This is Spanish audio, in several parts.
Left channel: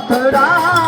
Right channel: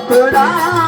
Mathura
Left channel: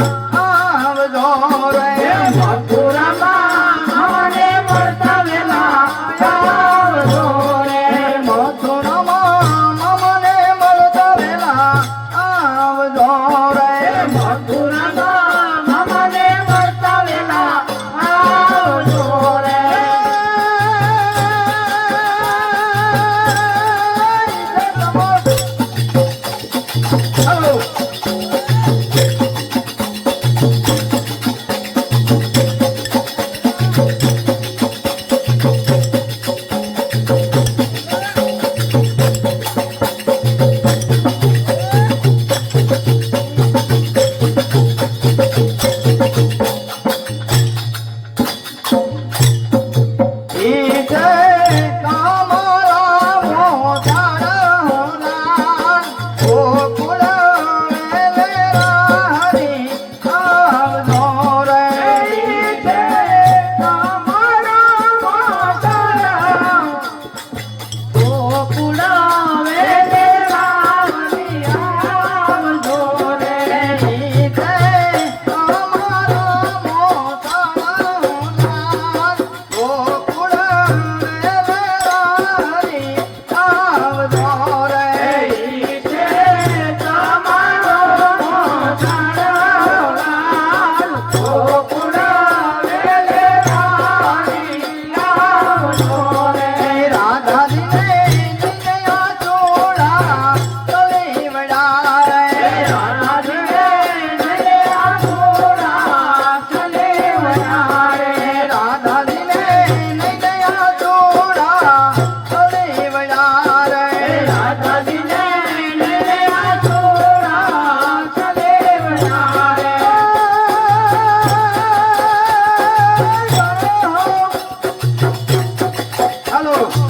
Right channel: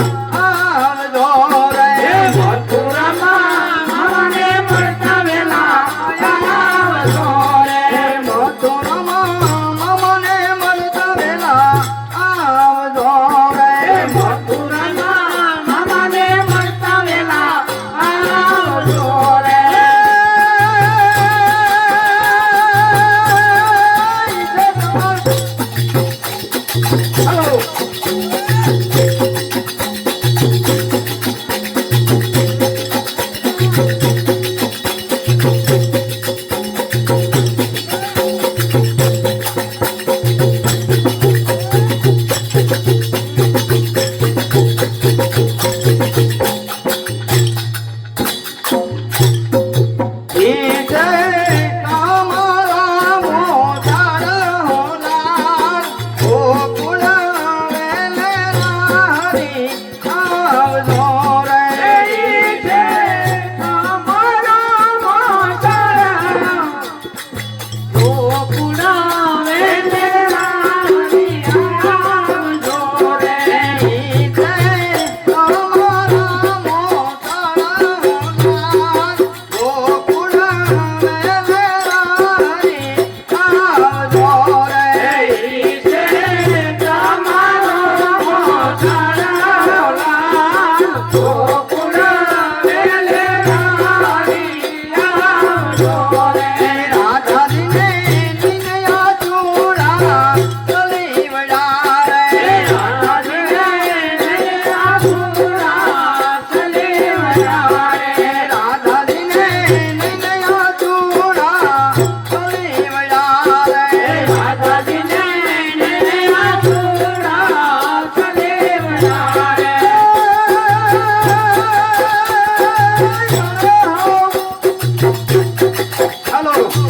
Bye. 啊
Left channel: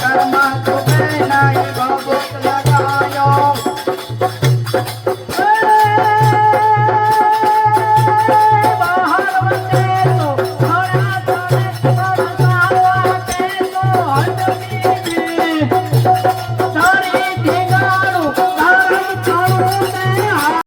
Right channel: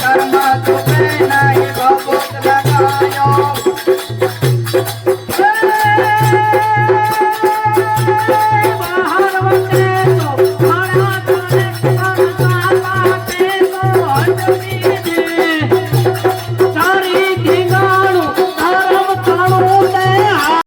karma tu pena